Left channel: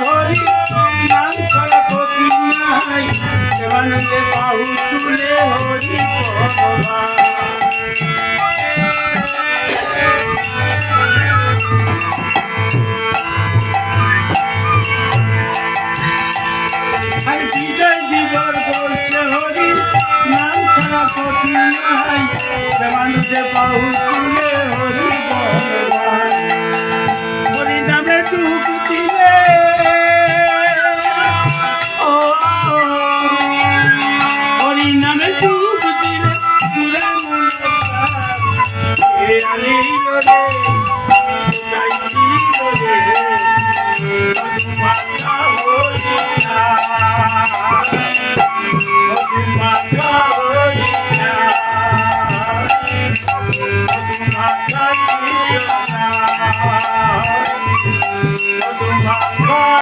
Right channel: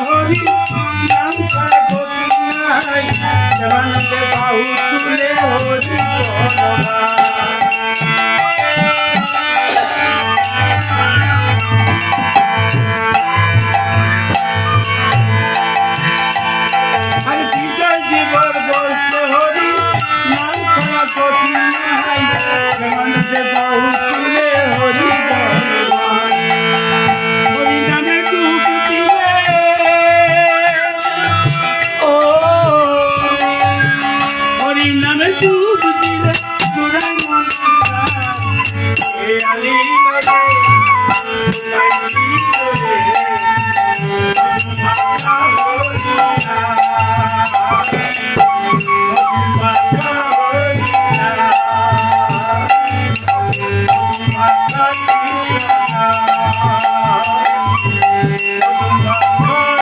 হরি নাম ছাড়া গতি নাই দেবানন্দে বাহু তুলে হরি বলবান আর বিজয় জীবর বলছে হরি নাম ছাড়া গতি নাই দেবানন্দে বাহু তুলে হরি বলবান হরি নামে ডুব দিলে ও হরি নামে ডুব দিলে চূড়া মনটা এ আলি রে সাইছি রে মাতা হরি না মাতা হরি না মাতা